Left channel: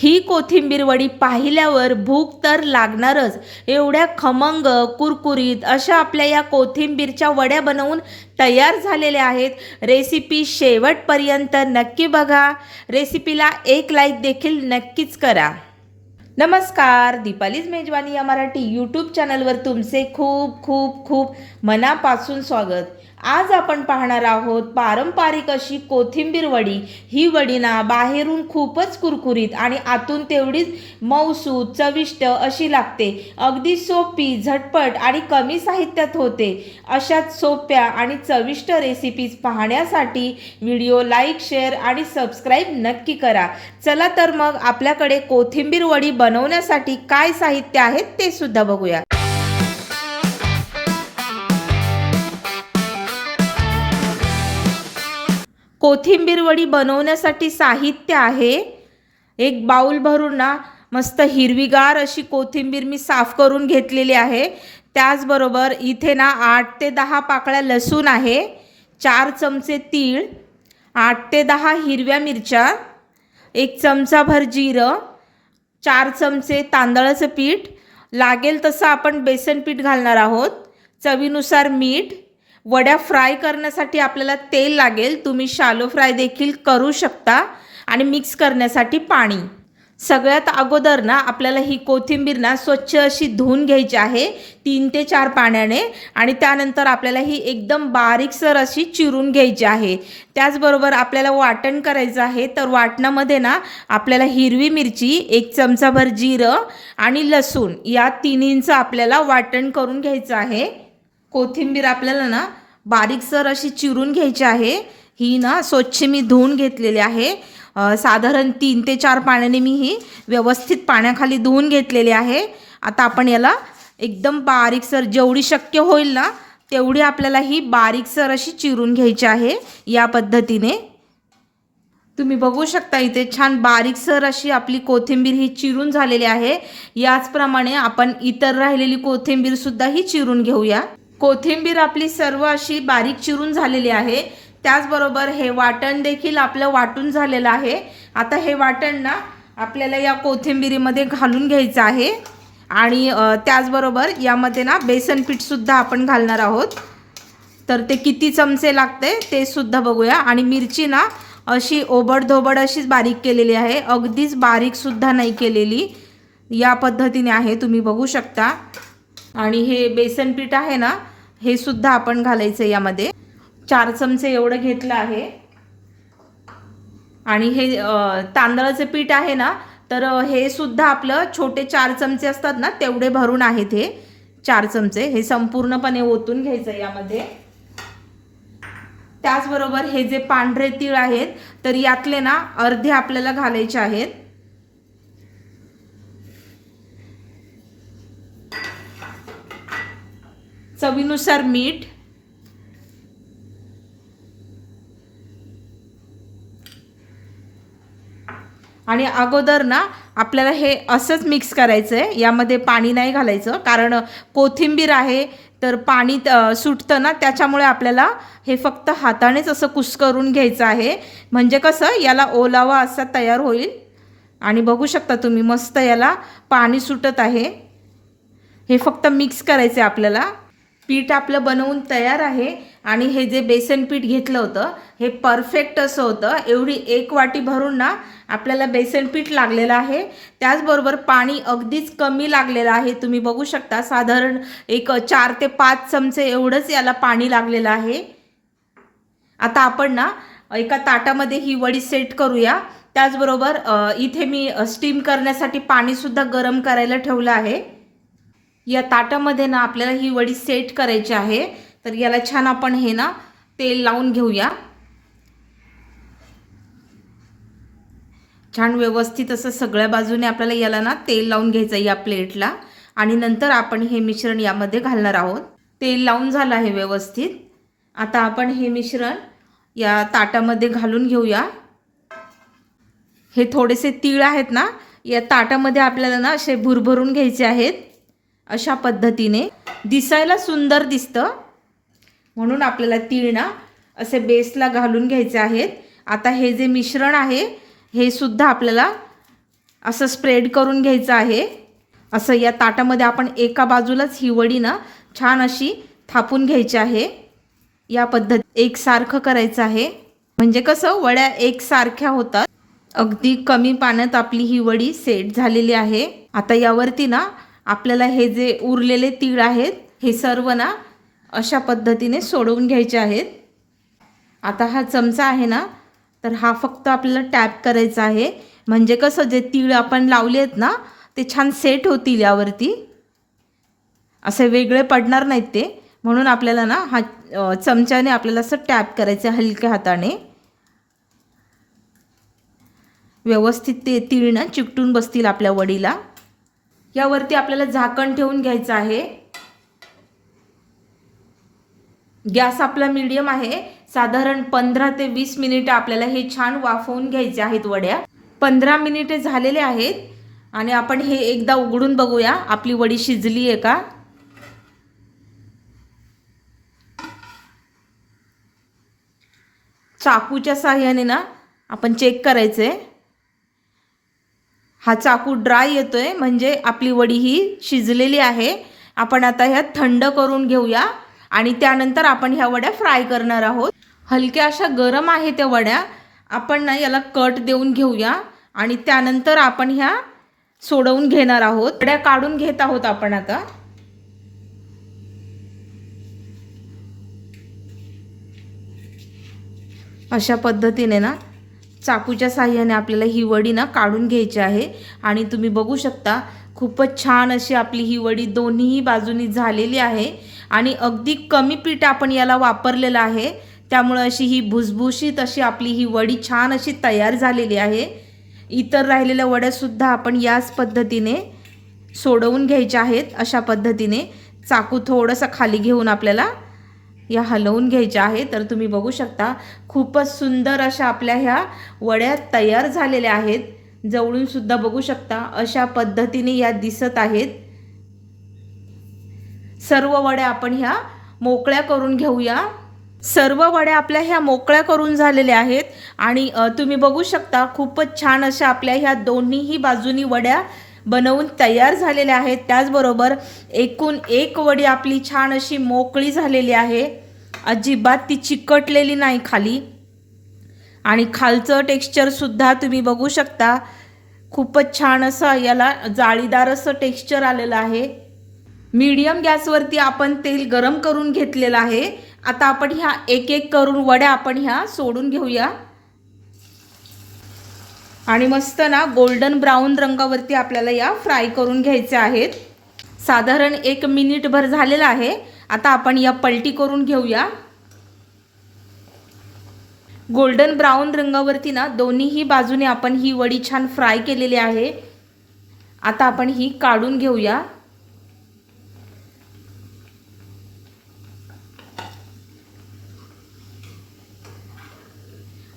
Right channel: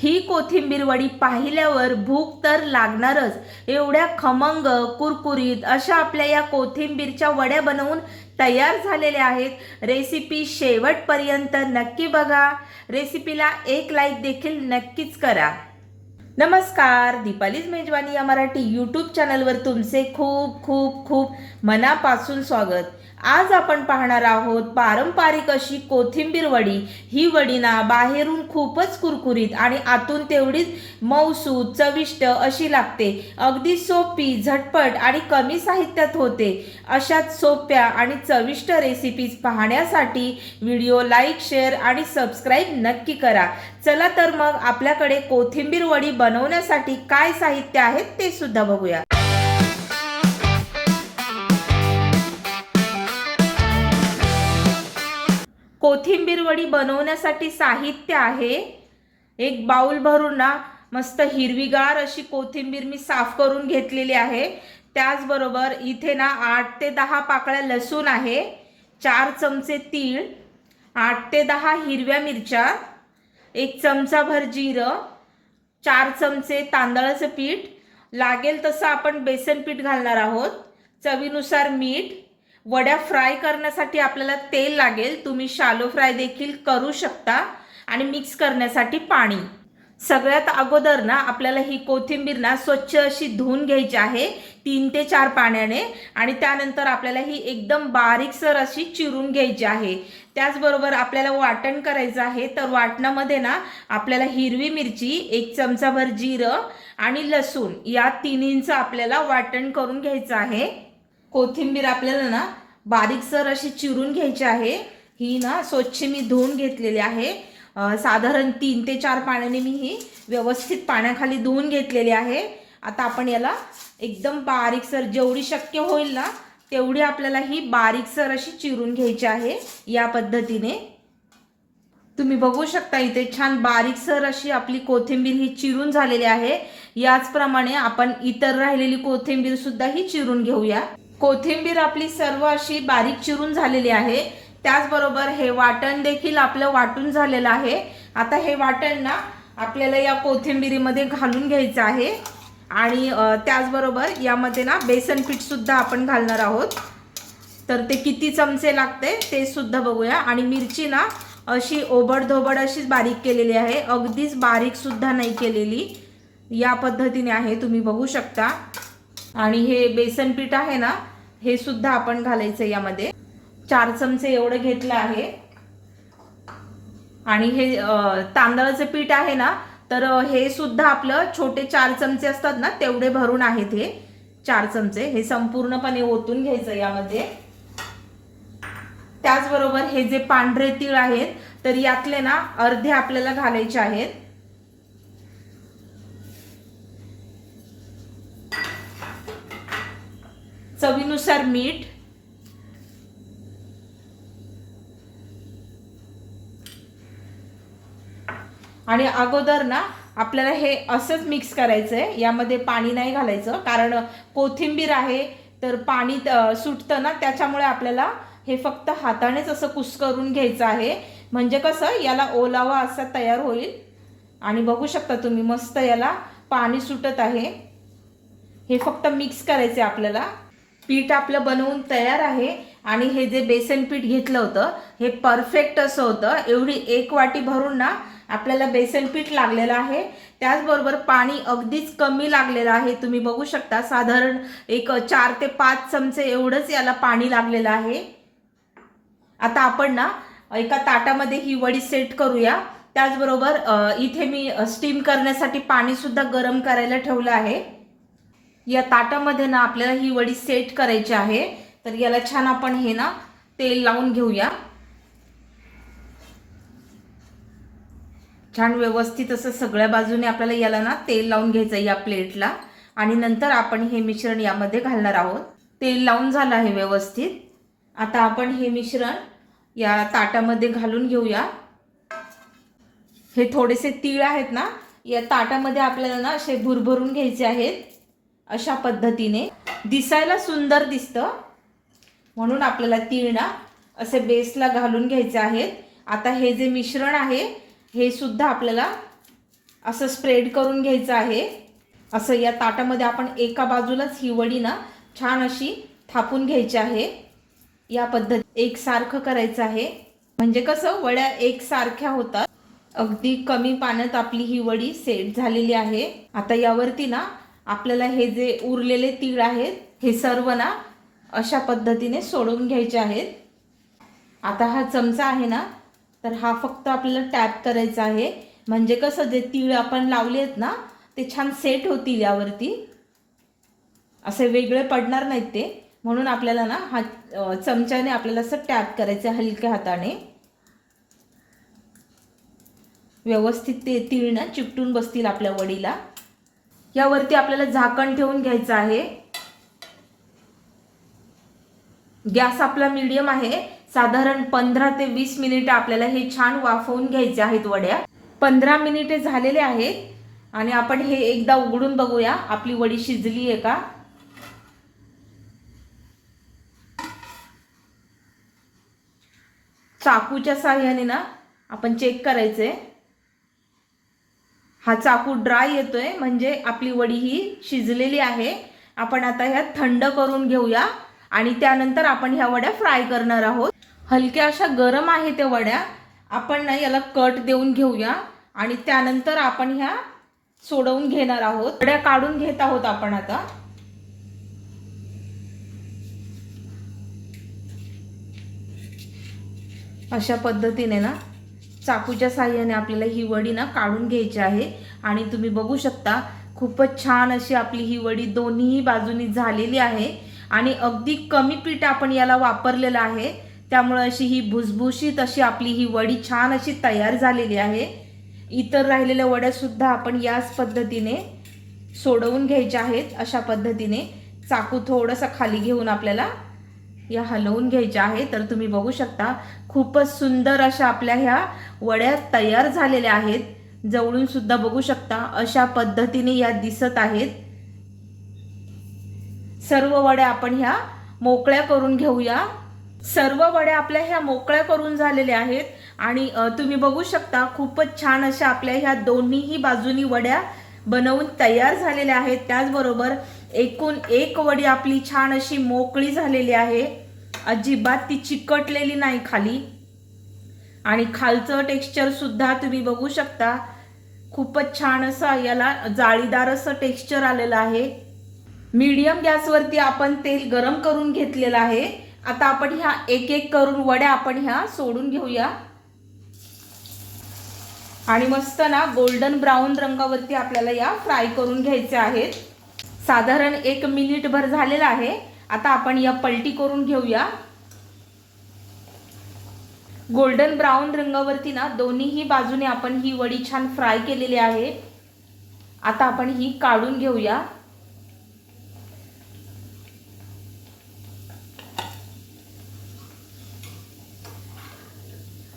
ही कोथिंबीर वडी पाहिल्यावर भूक तर लागणारच। एवढ्या खमंग कुरकुरीत अशा आपल्या या कोथिंबीरच्या वड्या बनवून तयार झालेल्या आहेत। रेसिपी शेवटपर्यंत नक्की बघा। रेसिपीला एक लाईक देखील नक्कीच करा। नमस्कार, दीपालीज मेजवानी या मराठी यूट्यूब चॅनलवर तुमचे खूप खूप खूप मनापासून स्वागत। आज आपण पाहणार आहोत पारंपरिक अशी कोथिंबीर वडी। ही वडी ना बाहेरून खूपच कुरकुरीत आणि आतून तेवढीच मऊसूत चविष्ट अशी लागते। अगदी सोपी, झटपट आणि कमी साहित्यात होते। अशाच सोप्या आणि चविष्ट रेसिपीज पाहण्यासाठी व्हिडिओ लाईक, शेअर आणि सबस्क्राईब नक्की करा। चला तर मग आपल्याकडे कोथिंबीर वडी बनवण्यासाठी काय साहित्य आहे ते सुद्धा बघूया। कोथिंबीर वडी बनवण्यासाठी साहित्य आहे, एक बाउल भरून ना मस्त हिरवीगार अशी कोथिंबीर मी साफ करून घेतलेली आहे। त्याचबरोबर इथे ना 8 ते 10 पाकळ्या लसूण आहे, 4 चमचे तीळ, 8 ते 10 हिरव्या मिरच्या, 1 चमचाभर जिरं, 4 चमचे तांदळाचं पीठ, लागेल तसं आपण बेसन पीठ घालणार आहोत, चवीनुसार मीठ, वड्या फ्राय करण्यासाठी आपल्याला तेल लागेल, तुम्ही शालो फ्राय देखील करू शकता, आणि मिक्स करण्यासाठी पाणी। सगळ्यात अगोदर ना आपल्याला ही कोथिंबीर ना स्वच्छ अशी धुवून घ्यायची आहे 3 ते 4 पाण्याने, आणि त्यानंतर आपल्याला ही एकदम बारीकसर अशी चिरून घ्यायची आहे। त्याचबरोबर आपल्याला वाटण करायचं आहे, तर वाटणामध्ये ना आपल्याला हिरवी मिरची, 1 चमचाभर जिरं आणि लसूण या तिन्हींचं आपल्याला वाटण करून घ्यायचं आहे। कोथिंबीर आपल्याला ना बारीकसर अशी चिरून घ्यायची आहे। ही ना स्वच्छ मी धुवून घेतलेली आहे, साधारण 3 ते 4 पाण्याने मी ही व्यवस्थित पाण्याखाली धुवून घेतलेली आहे। आता आपण याला एकदम बारीकसर, जेवढी शक्य होईल ना तेवढी आपल्याला ही बारीकसर अशी चिरून घ्यायची आहे। या पद्धतीने तुम्ही बघू शकता, इथे छान बारीकसर अशी आपली कोथिंबीर ही चिरून झालेली आहे। याचप्रमाणे आपण इतर राहिलेली कोथिंबीर सुद्धा ही चिरून घेऊया। कोथिंबीर आपली सर्व अशी बारीक चिरून झालेली आहे। त्याचबरोबर हे वाटण देखील आपलं वाटून झालेलं आहे। आता हे वाटण ना आपल्याला या कोथिंबीरीमध्ये घालून घ्यायचं आहे, आणि त्याचबरोबर यामध्ये ना बेसन पीठ सुद्धा आपण घालणार आहोत। तर ते किती चमचे लागते ते सुद्धा बघूया। आणि मिरची ना अशी ओबडधोबड अशीच बारीक केलेली आहे, अगदीच बारीक सुद्धा नाही केलेली, या पद्धतीने आहे, तुम्ही बघू शकता। आणि हे बेसन पीठ आहे ना हे सुद्धा आपण घालायचं यामध्ये, 4 चमचे एवढं घेतलं आहे। आणि हे तांदळाचं पीठ आहे ना, तर हे सुद्धा आपलं छोटे 4 चमचे असतात ना तेवढे भरून आहेत हे 4 चमचे, हे संपूर्णपणे ओतून घ्यायचं यामध्ये। त्याचबरोबर हे जे पांढरे तीळ आहेत तर यातले ना अर्धे आपल्याला घालायचे आहेत। चवीनुसार मीठ, आणि अगोदर ना आपल्याला हे असंच मिक्स करायचं आहे, यामध्ये पाणी नाही घालायचं, कारण कोथिंबीर आहे तर पाणी सुटतं ना, त्याच्यामुळे आपल्याला हे फक्त हातानेच असं कुस्करून घ्यायचं आहे, म्हणजे कसं याला ओलावा असा तयार होईल। आणि बघू शकता तुम्ही मस्त याला पाणी सुटत आहे। हे फक्त मिक्स करायचं आहे आपल्याला। पीठ आपलं बनवून तयार आहे, आणि हे जे बेसन पीठ घेतलं होतं हे परफेक्ट असं होतं। एवढी 1 वाटी भरून ना आपल्याला बेसन पीठ लागलेलं आहे। त्याचबरोबर पाणी अगदीच कमी लागलेलं आहे, तुम्ही बघू शकता, साधारण एक 4 ते 5 चमचे एवढंच याला पाणी लागलेलं आहे। आता आपण ना एका ताटामध्ये ही वडी सेट करूया। त्याचबरोबर इथे मी स्टीम करण्यासाठी पाणी सुद्धा गरम करायला ठेवलं आहे। या ताटामध्ये ना आपल्याला ही वडी सेट करायची आहे, तर याला छान आपण हे ना तेल लावून घेऊया। छान व्यवस्थित असं सगळ्या बाजूने आपल्याला याला ना तेल लावून घ्यायचं या प्लेटला, आणि नंतर आपण हे मिश्रण यामध्ये घालणार आहोत। तेल लावून झालं आहे व्यवस्थित। आता आपण हे मिश्रण या ताटामध्ये घालून घेऊया। हे थोडेसे तीळ आहेत ना या ताटामध्ये आपल्याला ना असे भुरभरून घ्यायचे आहेत, अशा पद्धतीने दिसायला सुंदर दिसतं, म्हणून आपल्याला तीळ ना असे बेसला घालून घ्यायचे आहेत। आता हे जे मिश्रण आहे हे सुद्धा आपल्याला असं स्प्रेड करून घ्यायचं आहे। असं या ताटामध्ये आपण एका बाजूलाच ही वडी ना छान अशी थापून घ्यायची आहे। या पद्धत एकसारखं करायचं आहे, म्हणजे कसं वड्या एकसारख्या होतात। अगदी कमी पाण्यात आपली ही वडी सेट झालेली आहे। आता यावरती ना आपल्याला हे जे उरलेले तीळ आहेत हे सर्व ना अशा पद्धतीने सोडवून घ्यायचे आहेत। आता हा चमचा आहे ना, तर हा फक्त आपल्याला टॅप करायचा आहे, म्हणजे कसं जे तीळ आपण लावले आहेत ना ते छान सेट होतील यावरती, असे वेगळे पडणार नाहीत ते। म्हणून आपल्याला ना हा चमच्याने आपल्याला असं टॅप करायचं हलक्या हाताने, व्यवस्थित ते तीळ ना चिकटून बसतील आपल्या वडीला। यावरती आपल्याला झाकण ठेवून घ्यायचं आहे। गॅस आपला मीडियम आहे। साधारण 15 ते 20 मिनिटे आपल्याला हे छान वाफवून घ्यायचे आहेत वड्या। 15 मिनिटे झालेले आहेत आणि आपण हे एकदा उघडून बघूया आपली वडी शिजली आहे का। चाकूच्या साहाय्याने ना आपण चेक करायचंय। हा चाकू ड्राय येतोय म्हणजे आपली वडी ही शिजलेली आहे। आपण आता ह्या थंड करून घेऊया आणि त्यानंतर आपण ह्या वड्या फ्राय करणार आहोत। हलक्या अशा गरम आहे त्या वड्या, आपण ना याला कट देऊन घेऊया आणि त्यानंतर आपण ह्या सोडवून घेणार आहोत। वड्या काढून घेत आहोत आपण आता। अशा पद्धतीने ना चाकूच्या साहाय्याने आपल्याला ही वडी ना काढून घ्यायची आहे आणि तुम्ही बघू शकता खूपच छान अशी आपली ही वडी दोन्ही बाजूनी झालेली आहे आणि अगदी कमी पीठ आपण याला वापरलेलं आहे, त्यामुळे अशी ही भुसभुशीत अशी आपली ही वडी छान अशी तयार झालेली आहे। इतर राहिलेल्या वड्या सुद्धा आपण याच पद्धतीने सोडवून घ्यायच्या आहेत। अशा पद्धतीने चाकू थोडंसं खाली घेऊन आपल्याला या हलवून घ्यायच्या आहे। तर तुम्ही बघू शकता खूपच सुंदर अशा आपल्या ह्या वड्या तयार झालेल्या आहेत। जवळून सुद्धा बघू शकता अशा पद्धतीने या दिसत आहेत। सर्व वड्या आपण ह्या मोकळ्या करून घेऊया। सर्व वड्या आपल्या ह्या मोकळ्या करून झालेल्या आहेत आणि तुम्ही बघू शकता खूपच छान अशा आपल्या ह्या दोन्हीही बाजूनी वड्या बनवून तयार झालेल्या आहेत। त्याचबरोबर एकूण एक वडी आपली छान अशी मोकळी झालेली आहे, अजिबात ती चिकटलेली नाही खाली आणि खालचं टेक्स्चर सुद्धा तुम्ही बघू शकता खूपच छान असं याला जाळीदार असं टेक्स्चर आलेलं आहे। मीडियम गॅसवरती आपण तेल गरम करून घेतलेलं आहे। आता आपण ह्या एक एक करून वड्या आपण ह्या सोडून घेऊया आणि मस्त ना गोल्डन ब्राऊन रंगावरती आपल्याला या फ्राय करून घ्यायच्या आहेत। साधारण 1 मिनिटभर झालेला आहे। आता आपण या पलटी करून घेऊया। गोल्डन ब्राऊन रंगावरती ना दोन्हीही बाजूने आपण ही वडी छान फ्राय केलेली आहे। आता आपण ही काढून घेऊया।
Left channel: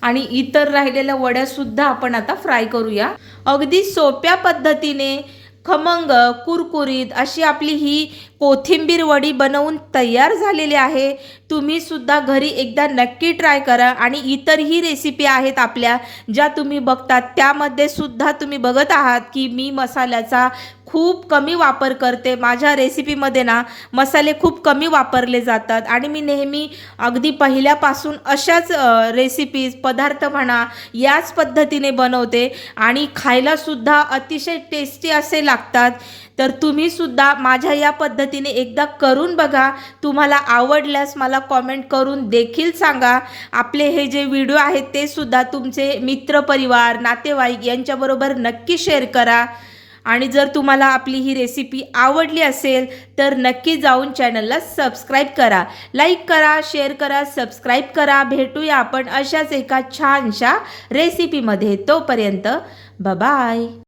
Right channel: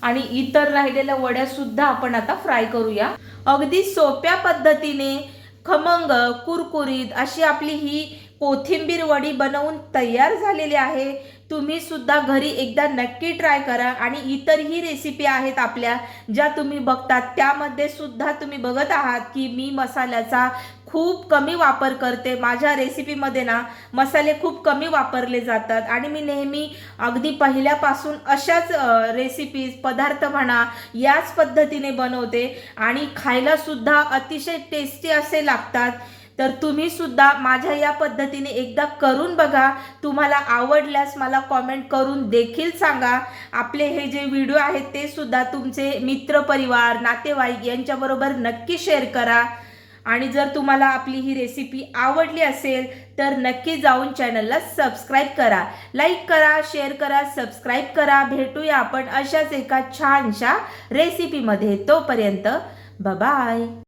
आणि इतर राहिलेल्या वड्या सुद्धा आपण आता फ्राय करूया। अगदी सोप्या पद्धतीने खमंग कुरकुरीत अशी आपली ही कोथिंबीर वडी बनवून तयार झालेली आहे। तुम्ही सुद्धा घरी एकदा नक्की ट्राय करा आणि इतरही रेसिपी आहेत आपल्या ज्या तुम्ही बघतात, त्यामध्ये सुद्धा तुम्ही बघत आहात की मी मसाल्याचा खूप कमी वापर करते। माझ्या रेसिपीमध्ये ना मसाले खूप कमी वापरले जातात आणि मी नेहमी अगदी पहिल्यापासून अशाच रेसिपीज पदार्थ म्हणा याच पद्धतीने बनवते आणि खायला सुद्धा अतिशय टेस्टी असे लागतात। तर तुम्ही सुद्धा माझ्या या पद्धतीने एकदा करून बघा। तुम्हाला आवडल्यास मला कमेंट करून देखील सांगा। आपले हे जे व्हिडिओ आहेत ते सुद्धा तुमचे मित्रपरिवार नातेवाईक यांच्याबरोबर नक्की शेअर करा आणि जर तुम्हाला आपली ही रेसिपी आवडली असेल तर नक्की जाऊन चॅनलला सबस्क्राईब करा, लाईक करा, शेअर करा, सबस्क्राईब करा। भेटूया आपण अशाच एका छानशा रेसिपीमध्ये। तोपर्यंत बाय बाय।